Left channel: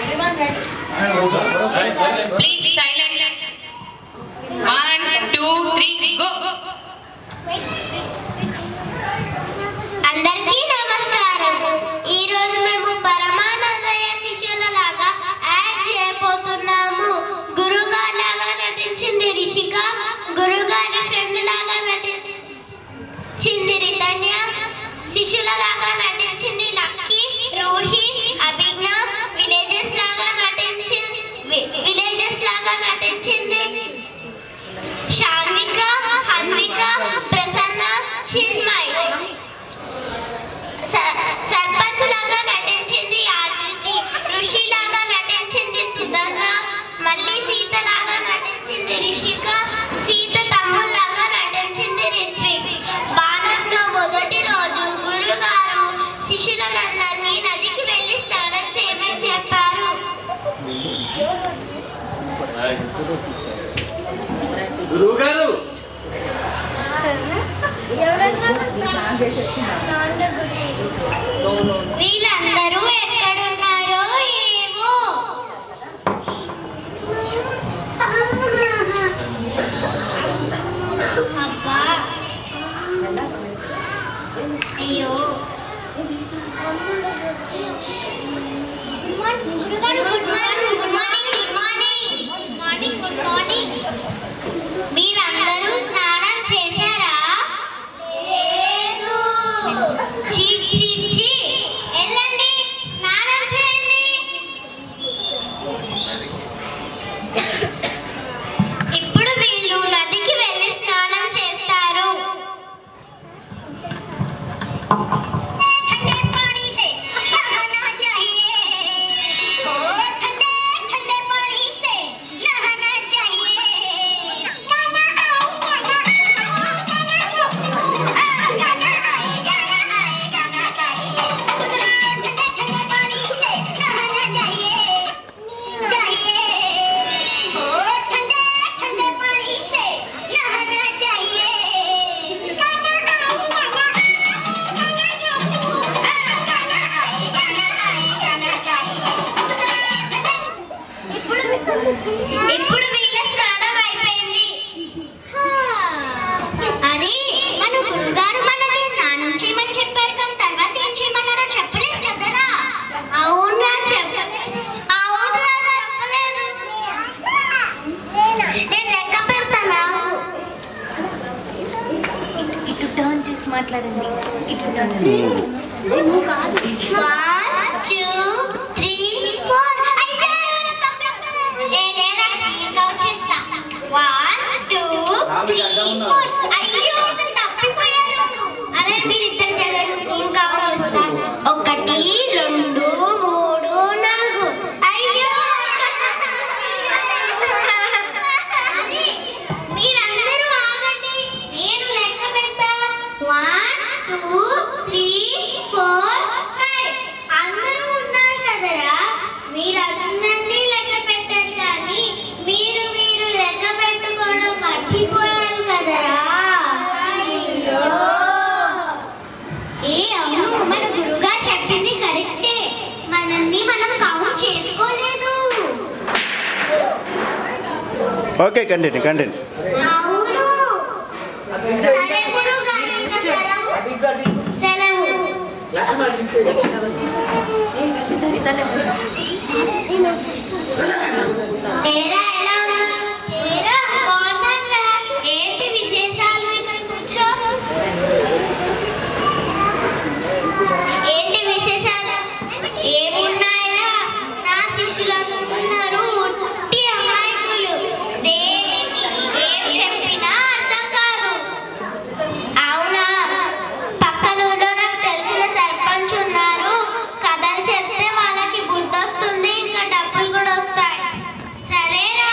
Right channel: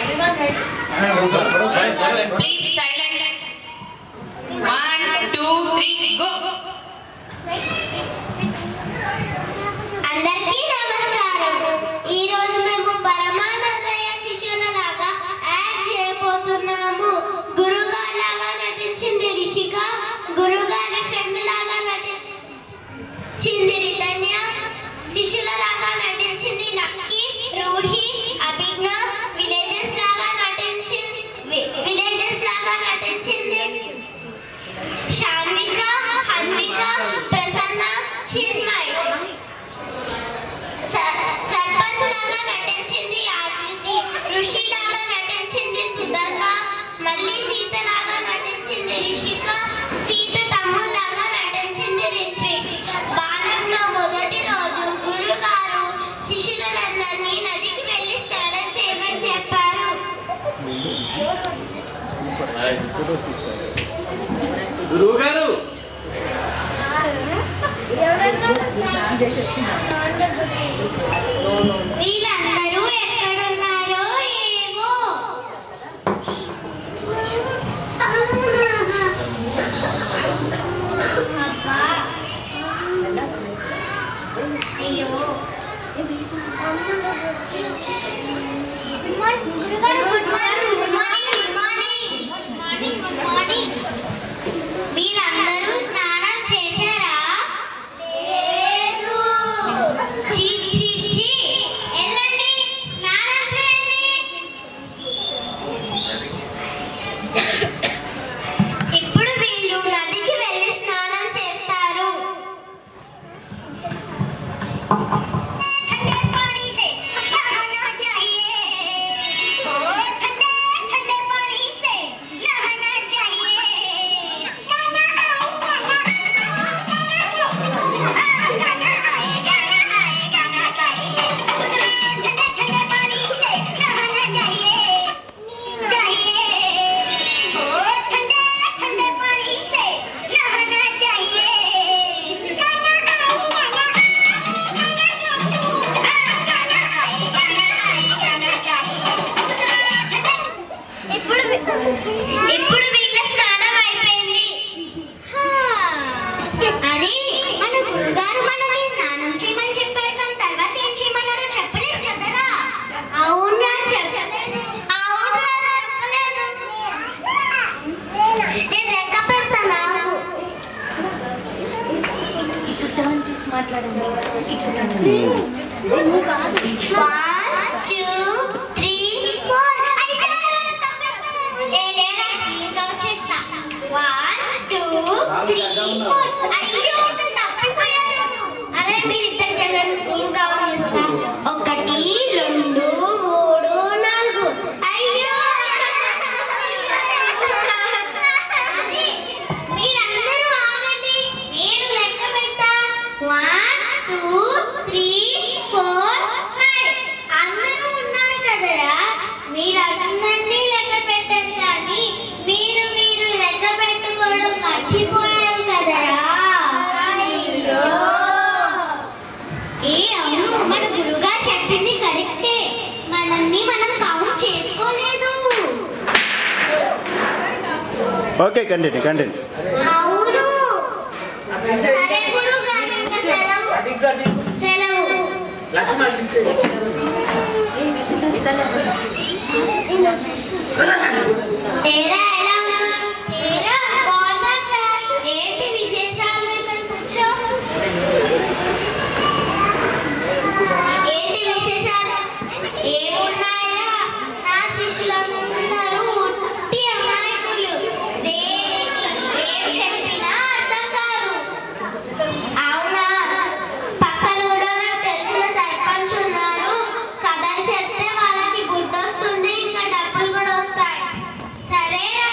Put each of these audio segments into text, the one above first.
Everyone ready? Please silent. 1, 2, 3, go. అందరికీ నమస్కారం. ఈ రోజు మేము పరమానందయ్య శిష్యులలాగా యాక్ట్ చేయబోతున్నాము. గురుగారి లాగా నటించింది రిషిక, గురుగారి ఫ్రెండ్ లాగా నటించింది రితన్య, శిష్యులలాగా నటించింది లక్కీ, రూహి, అభిజ్ఞ, విలేజెస్ లాగా నటించింది శాన్విక, హన్విక, ప్రసన్న, చిన్మయ్. సర్పంచ్ లాగా నటించింది ఆదితి, ఋషి లాగా నటించింది సుధర్ణ, మళ్ళీ సీత లాగా నటించింది రిషిక, సీత తమ్ముడు లాగా నటించింది రిత్విక్. బాణంలో మొదటి రోజు గురుగారు శిష్యులందరినీ నదికి వెళ్ళి స్నానం చేయమని చెప్పారు. గురువుగారు వీళ్ళందరూ ఎక్కడున్నారో ఏమో. అయ్యో గురుగారు, good morning. Good morning. Good morning. Morning. Good morning. మీరందరూ స్నానం చేశారా? లేదు. ఛీ ఛీ ఛీ. వెళ్ళండి, స్నానం చేయండి. ఇప్పుడు వీళ్ళు నదికి వెళ్ళి స్నానం చేస్తారు. ఇప్పుడు వీళ్ళ స్నానం అయిపోయింది. అరే, మన గురుగారు మనల్ని స్నానం చేయమని చెప్పారు, కానీ తర్వాత ఏం చేయమన్నారో చెప్పలేదు కదరా? అవునా, చెప్పలేదు. అవునా, చెప్పలేదు. నేను లెక్క పెడతాను. ఇటు టర్న్ చేసి మాట్లాడండి. ఇటు టర్న్ 1, 2, 3, 4. అరే, మీరిద్దరు చదవండి, నేను కౌంట్ చేస్తా. 1, 2, 3, 4. అయ్యో, మీరందరూ ఆగండి, నేను లెక్క పెడతా. 1, 2, 3, 4, 5. అందరూ ఉన్నారు కదరా? మీరందరినీ లెక్క పెట్టారు, కానీ మీరు లెక్క పెట్టుకోవడం మర్చిపోయారు కదరా? అయ్యో. అవును, మన గురుగారు చెప్పింది కరెక్టే. మనల్ని మనం కౌంట్ చేసుకోలేదు. Okay, continue. అవును. సరే గురుగారు, ఇంకా సెలవు. ఏరా, ఎలా ఉన్నా? ఏరా, బాగున్నారా? ఏంటి విశేషాలు? ఇక్కడ కూర్చో. ఏంటి విశేషాలు? ఏమున్నాయరా? నా శిష్యులందరూ ఉట్టి అమాయకులు. దేనికి ఏం చెప్పినా అర్థం కాదు. అవునా? పక్కన ఊళ్ళో నాకు తెలిసిన సర్పంచ్ ఉన్నారు. కథలు చెప్తే వాళ్ళకి గుర్తొస్తుంది, ఇంకా డబ్బులు కూడా వస్తాయి. సరేరా,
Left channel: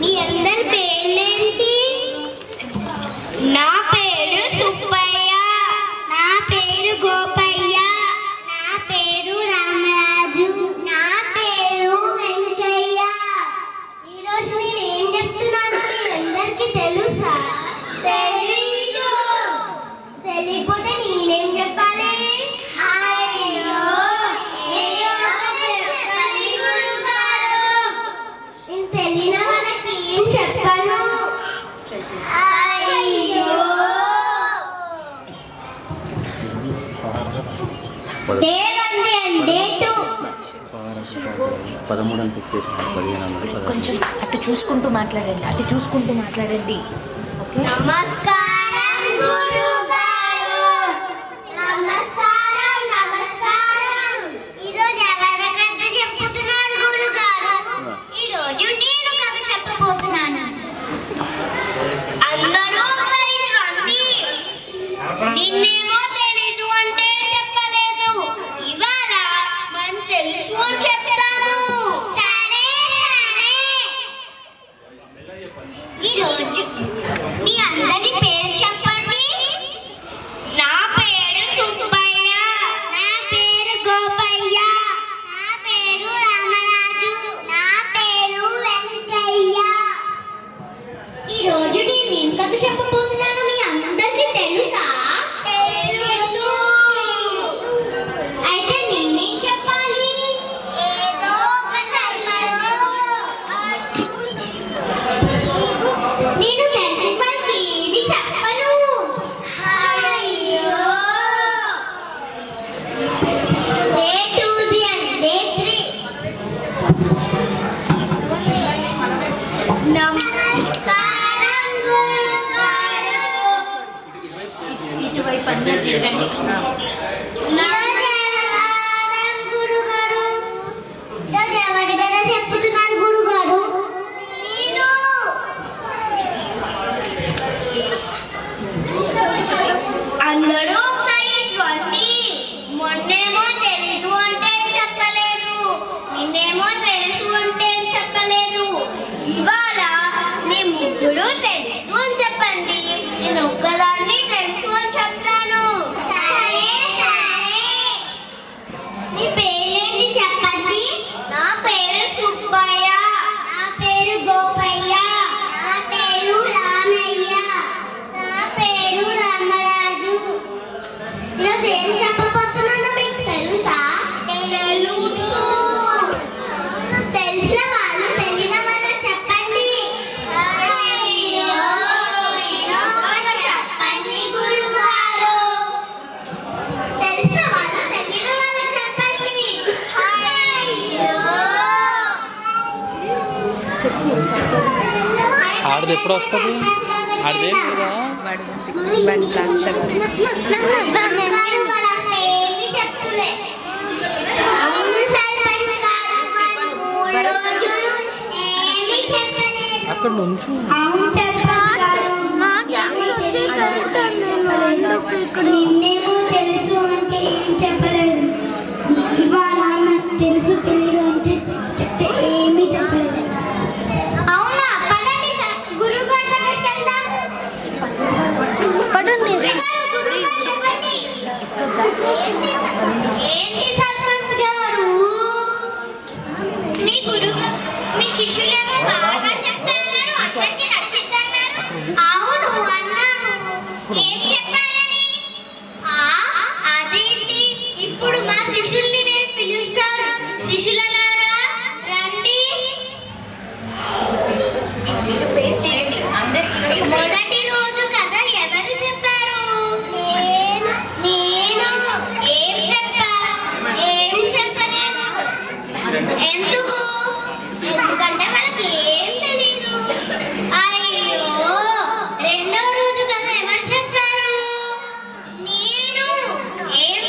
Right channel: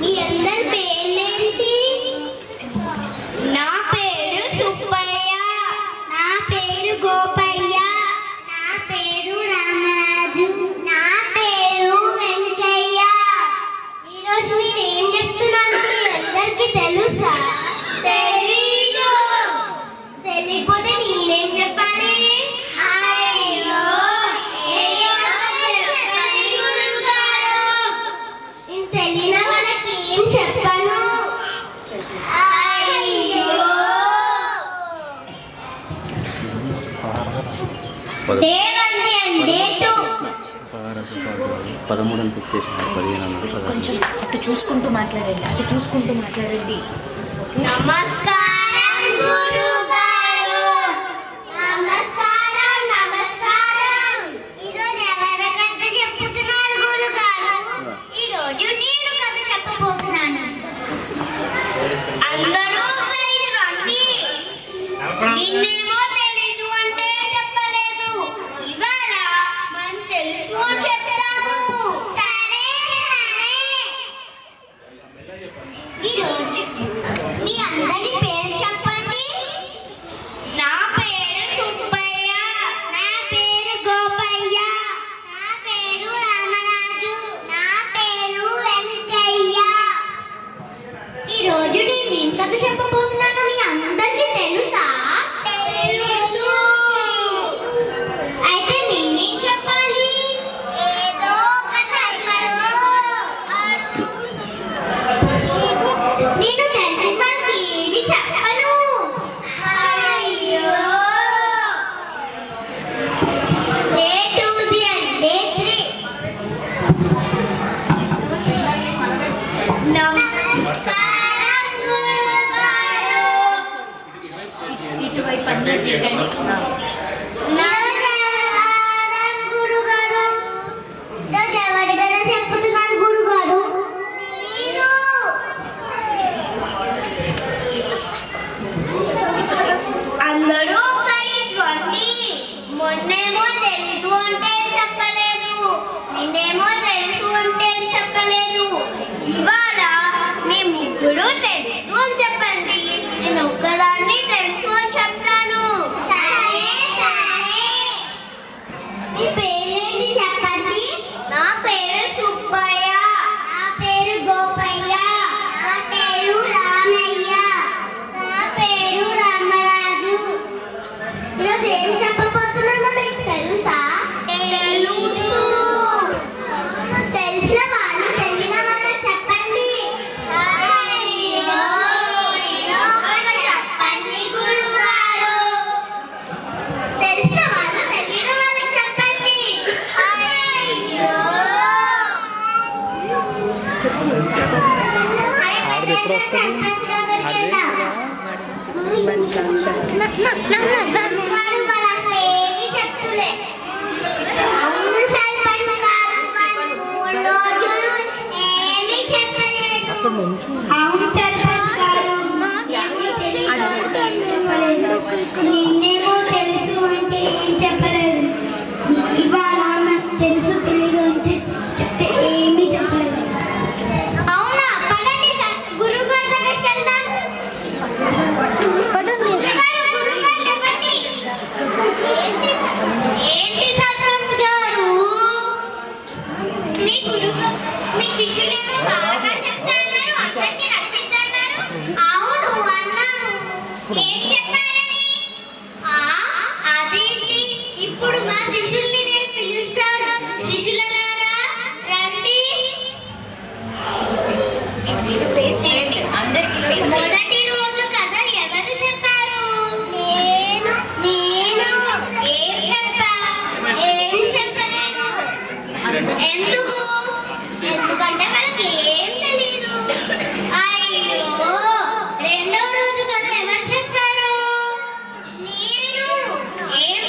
మీ అందరి పేర్లేంటి? నా పేరు సుబ్బయ్య, నా పేరు గోపయ్య, నా పేరు రామరాజు, నా పేరు వెంకయ్య. ఈరోజు నేను ఏం చెప్తున్నాను మీ అందరికి తెలుసా? తెలీదు. తెలియకపోతే నేనేం చెప్పాలి? అయ్యో చెప్పండి గురుగారు. నేను తెలియని వాళ్ళకి ఏం చెప్పను. అయ్యో దేవంది అంటే 13 అని ఫిక్స్ చేసినారు 15 అన్నారు. కొంచెం అటు చూసుకుంటూ మాట్లాడండి. నమస్కారం గురుగారు. నమస్కారం. ఈరోజు ఎవరి కథ చెప్పుతున్నారు గురుగారు? ఈరోజు నేను కథ చెప్పబోతున్నాను. అందరూ ఒకసారి రండి. నిన్నేమో తెలీదు అంటే చెప్పలేదు. ఇవాళ మనం తెలుసు అని చెప్తాను. సరే. ఈరోజు మీ అందరి పేరు చెప్పండి. నా పేరు సుబ్బయ్య, నా పేరు గోపయ్య, నా పేరు రామరాజు, నా పేరు వెంకయ్య. ఈరోజు నేను ఏం కథ చెప్పబోతున్నాను మీ అందరికీ తెలుసా? తెలుసు. అయితే నేనేం చెప్పాలి? ఏదో ఒక చెప్పను. నేను తెలిసిన వాళ్ళకి ఏమి చెప్పను. అయ్యో డే 2 అంటే 3. నమస్కారం గురుగారు. ఇటువైపు అందరూ తిరగండి. నమస్కారం గురుగారు. ఈరోజు ఎవరి కథ చెప్పుతున్నారు గురుగారు? నేను. అందరూ ఒకసారి రండి. మొన్నేమో తెలుసు అంటే చెప్పలేదు, నిన్నేమో తెలుసు అంటే చెప్పలేదు. ఇవాళ మీ ముగ్గురు తెలుసు అని చెప్పండి. నేను ఒక్కదాన్ని తెలుసు అని చెప్తాను. సరే. మీ పేరేంటి చెప్పండి. నా పేరు సుబ్బయ్య, నా పేరు గోపయ్య, నా పేరు రామయ్య, నా పేరు రామరాజు. ఈరోజు ఏం చెప్పబోతున్నానో మీకు తెలుసా? తెలుసు. తెలిసిన వాళ్ళు తెలియని వాళ్ళకి చెప్పండి. అయ్యో చెప్పండి గురుగారు. తెలిసిన వాళ్ళు తెలియని వాళ్ళకి చెప్పండి. అయ్యో ఆడది ఎప్పుడు వస్తుంది? ఆడదే గంగారు వాళ్ళకి ఏమీ చెప్తులే. అవును సర్పంచ్ గారు, వాళ్ళు 3 రోజులు ఏమీ చెప్పలేదు. అవును సర్పంచ్ గారు, ఏమీ చెప్పలేదు. నిన్నేమో తెలుసు అంటే ఏం చెప్పలేదు. ఇవాళ నాకు తెలుసు తెలియదు అంటే చెప్తే ఏమీ చెప్పలేదు. అవునా? పదండి గురుగారి దగ్గరికి వెళ్దాం. గురుగారు చెప్పండి. ఏంటి సర్పంచ్ గారు? మీ శిష్యులేమో బాగా చెప్తున్నారు, అందరికీ నచ్చిద్దన్నారు. అవును అన్నాను. ఏం చెప్పారని? అదేంటి? ఇప్పుడు మా శిష్యుల్ని నేను పిలుస్తాను. శిష్యులారా రండి. ఫేస్ చేయండి అందరికి. మొదటి రోజు కథ ఎవరు చెప్పారు? నేను. ఏం చెప్పా? ఏం చెప్పలేదు. ఎందుకు? ఎందుకంటే మనకి ఏం తెలీదు. అయ్యో రెండో రోజు కథ ఎవరు చెప్పారు? నేను. ఏం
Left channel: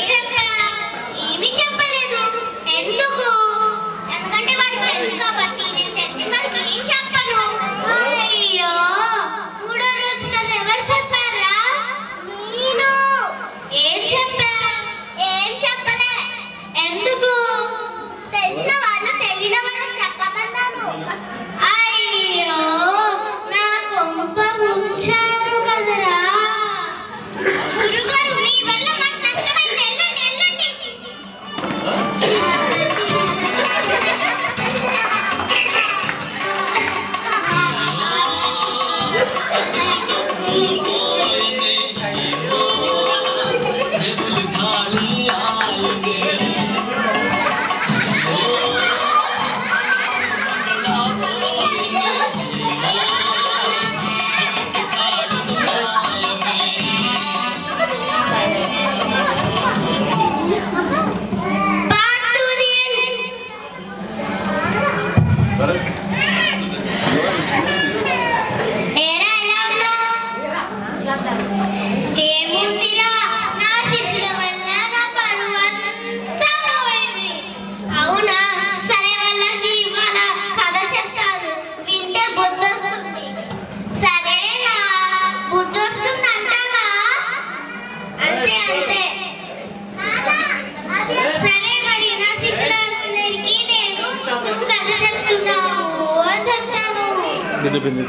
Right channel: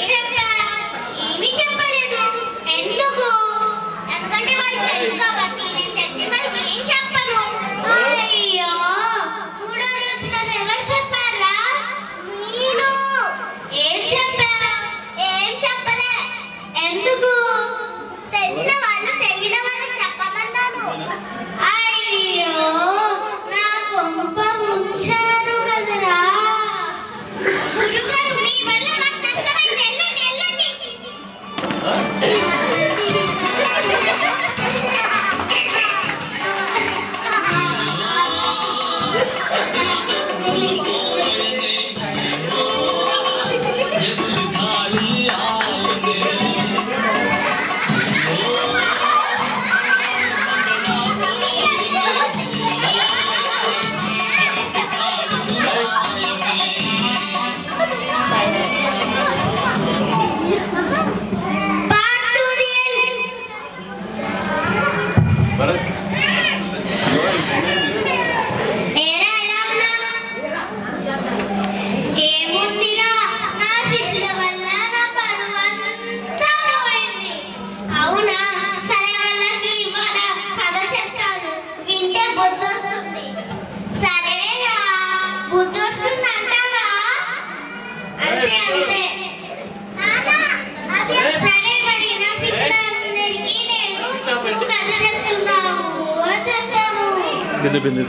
బిందు బిందు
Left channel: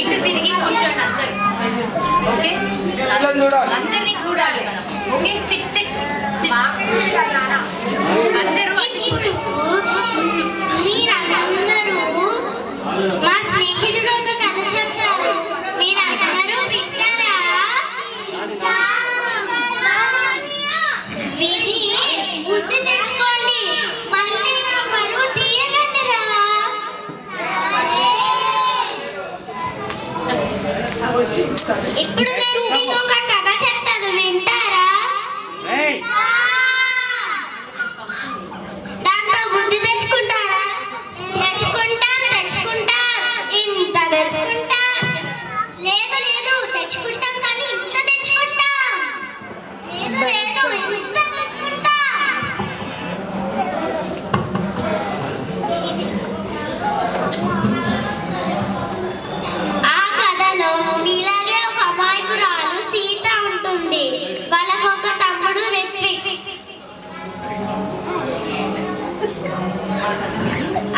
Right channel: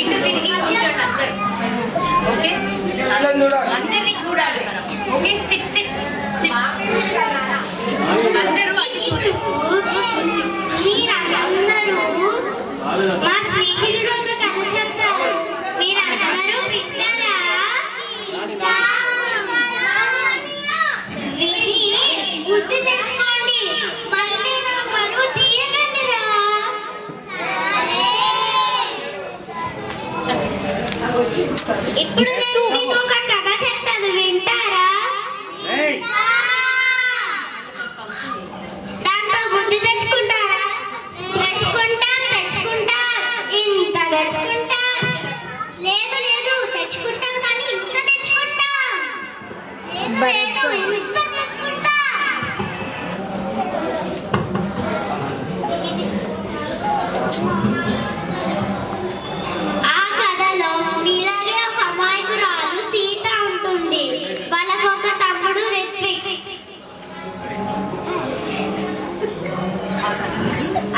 ఇటు తిరిగి కూర్చోండి అందరు. ఓకే అందరినీ చూడాలి మనం. Okay SIT SIT SIT. అందరూ అటు చూడండి. మా స్నేహితుడు ఒక కథ చెప్తారు, మీరందరూ వింటారా? విని బుద్ధి తెచ్చుకోండి, మళ్ళీ నా బరువు తీయకండిరా. ఇప్పుడు నేను మీకు ఒక కథ చెప్తాను, వింటారా? దాంతో బుద్ధి తెచ్చుకుంటారా? తెచ్చుకుంటాం. ఇంత తెచ్చుకుంటాం. లేదు లేదు తెచ్చుకుంటాం, కానీ ఇంత తెచ్చుకుంటాం. లేదు ఇంత తెచ్చుకుంటాం. ఆ కథలో ఇలాగే ఒక అమాయకురాలు సీత ఉంటుంది. వాళ్ళకు ఒక తమ్ముడు రిత్విక్.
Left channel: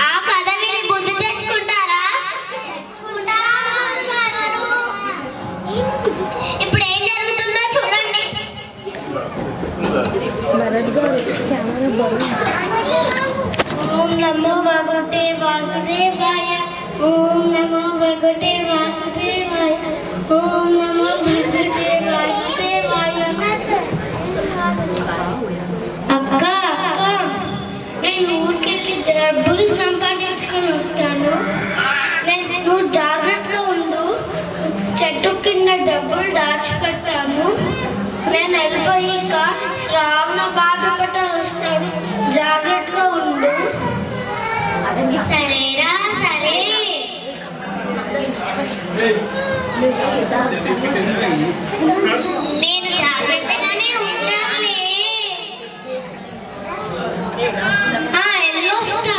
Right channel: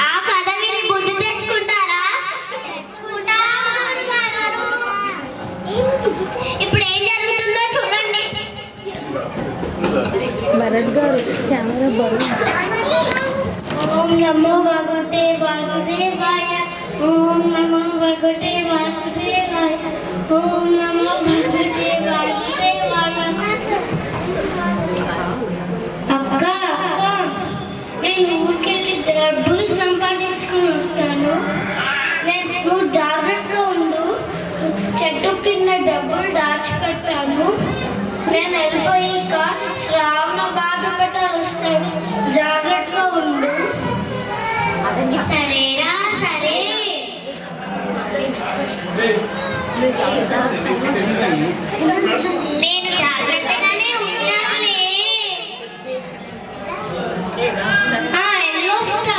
ఆ కథ విని బుద్ధి తెచ్చుకుంటారా? ఇప్పుడు ఏం జరుగుతుందో చూడండి. ఓం నమో భగవతే వాసుదేవాయ. ఓం నమో భగవతే వాసుదేవాయ. ఓం నమో భగవతే వాసుదేవాయ. అక్క నేను ఊరికెళ్ళి డబ్బులు సంపాదించుకుని వస్తాను. నువ్వు జాగ్రత్తగా ఉండు. చెట్టు కింద డబ్బులు దాచిపెట్టాను. నేను వెళ్ళిపోయాక శ్రావణ బాధపట్టాలు వస్తాను, జాగ్రత్తగా ఉండు. సరేరా? సరే. నేను జాగ్రత్తగానే ఉన్నానులే. ఎల్లొస్తా.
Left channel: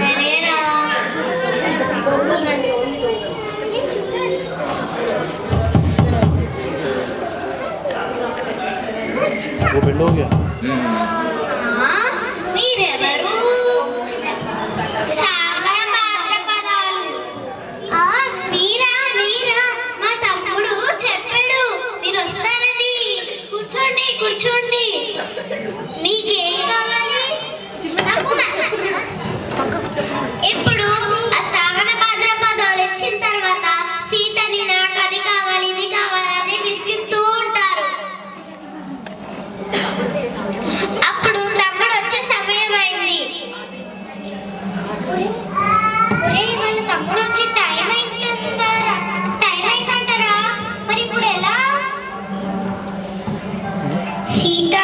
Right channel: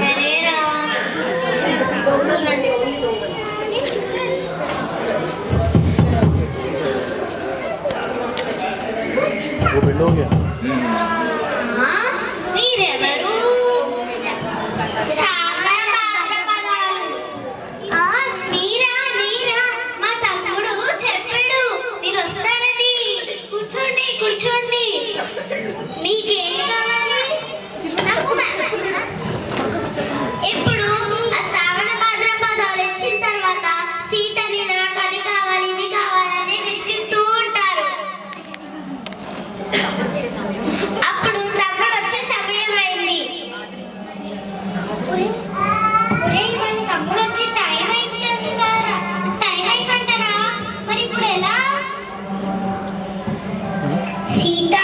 సరేరా? वो बेंड हो गया మీరెవరు? శ్రావణ భాద్రపదాలు. మీరా మా తమ్ముడు చెప్పాడు మీరు వస్తారని. కూర్చోండి. మీకేం కావాలి? ఇప్పుడు ఆ శ్రావణ భాద్రపదాలు వచ్చిన తర్వాత సీతని నాకు అది కావాలి ఇది కావాలని విసిగిస్తూ ఉంటారు. అప్పుడు తమ్ముడు వచ్చే సమయం అయింది. వాళ్ళ తమ్ముడు వచ్చి టైం అయిపోతుంటారా? టైం అయిపోతారా? మరి ఇప్పుడు ఎలా? సీత,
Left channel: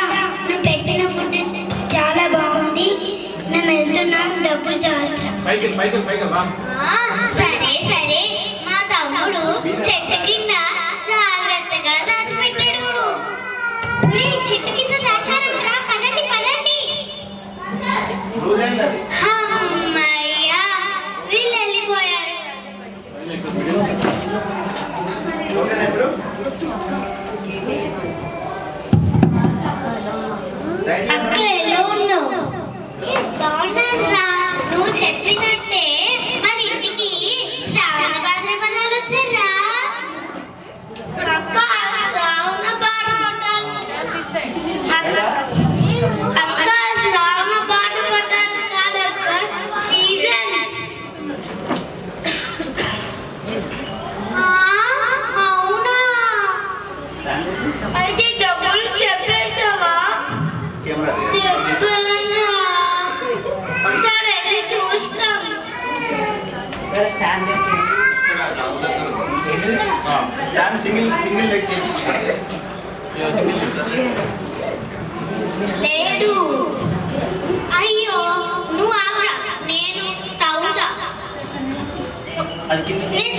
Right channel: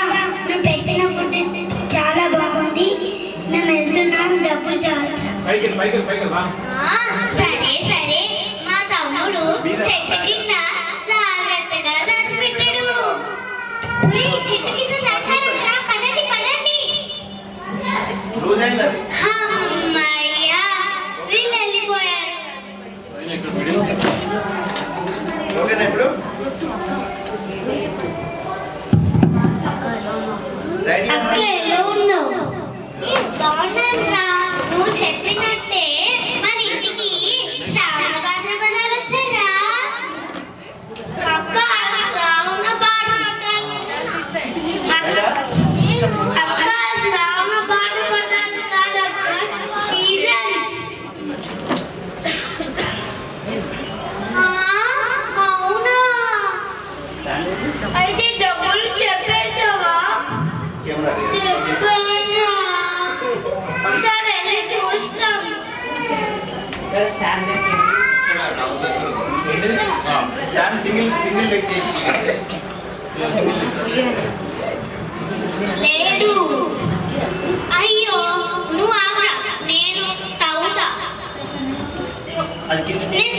నువ్వు పెట్టిన ఫుడ్ చాలా బాగుంది, మేము వెళ్తున్నాం, డబ్బులు జాగ్రత్త. సరే మా తమ్ముడు చెట్టు కింద జాగ్రత్తగా దాచిపెట్టాడు. చెట్టు కింద దాచారంటరా? పదండి. అమ్మయ్యా, వీళ్ళు వెళ్ళిపోయారు. అక్క ఎలా ఉన్నావు? బాగున్నారా? నువ్వు చెప్పినట్టే మన ఇంటికి శ్రావణ భాద్రపదాలు వచ్చారా? అక్క శ్రావణ భాద్రపదాలు కాదక్క, సీజన్స్. అవునా? అయితే డబ్బులు చెప్పేసావా? చెప్పాను. ఒకసారి వెళ్ళి చూస్తాం. లేడు. అయ్యో నువ్వు ఆగురా, నేను తవ్వుతా. నేను